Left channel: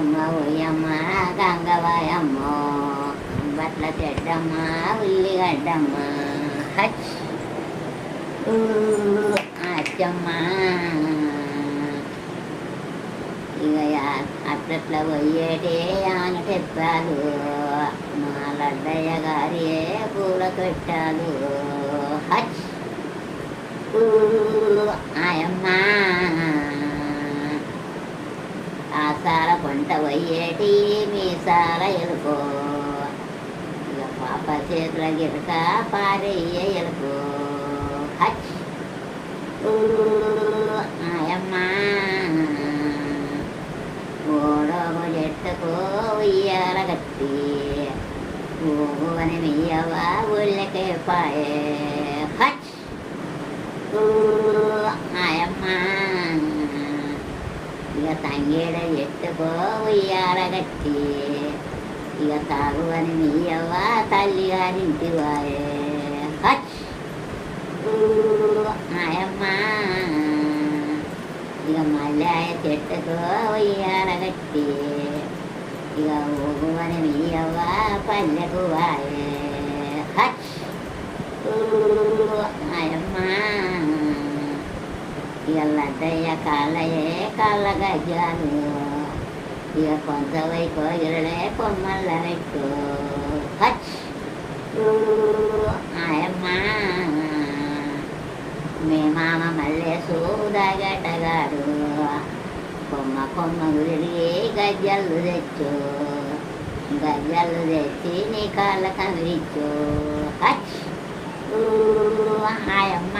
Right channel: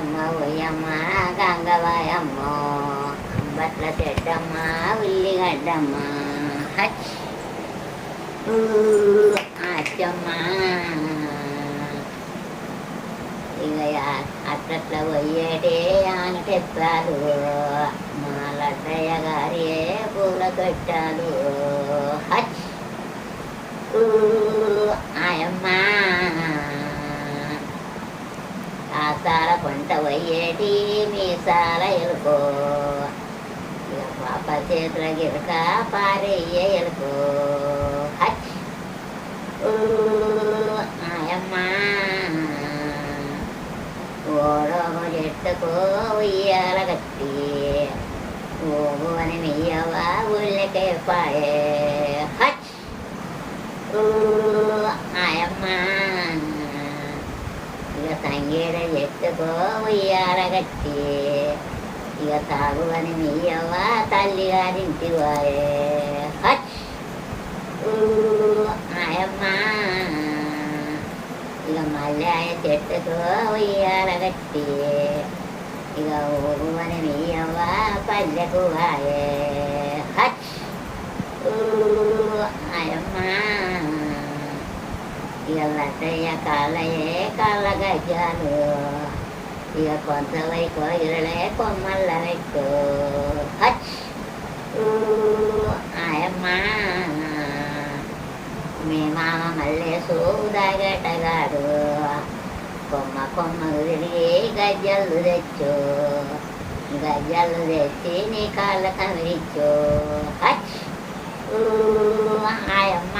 మాయమ్మ ఒయ్యమ్మ గంగవాయమ్మ అంబట్ల చెడ్డమ్మ ఉల్లిగడ్డమ్మ హచ్ అచ్చమ్మ ఇక అట్లట్ల పోయేటే ఆనకెత్తాలు మా లడ్డయ్య గారి పూల తొట్టాలు హచ్ ఆయమ్మ ఆసాల కొంట పోయేటి మీసాల ఎలుకో ఇక పాప చేతుల గిరక పారయ్యే ఎలుకో హచ్ ఆయమ్మ ఓడోము చెట్టుకో ఉయ్యాల గట్టి ఓగు అని మెయ్యవా ఊళ్ళకే పాయే హచ్ ఆయమ్మ ఇక తంగేడ చెట్టుకో ఉయ్యాల గట్టి ఇక తాగు అని మెయ్యవా తల్లి గారింటి వాయే హచ్ ఆయమ్మ ఇక మళ్ళీ చెట్టుతో ఉయ్యాల గట్టి ఇక ఊగు అని మెయ్యవా పల్లెకు వాయే హచ్ ఆయమ్మ ఇక లడ్డయ్య కాళ్ళయే కాళ్ళ గజ్జాలు ఇక కొంతవై కోయిలే కొమ్మల్ల పెట్టు హచ్ ఆయమ్మ మీ మామ మల్లేసు దాగటగాడు కొమ్మ కొమ్మ విరిగి గజ్జలు తెచ్చు గజ్జలు తెచ్చి నీ కాళ్ళ కమిరిచ్చు హచ్ ఆయమ్మ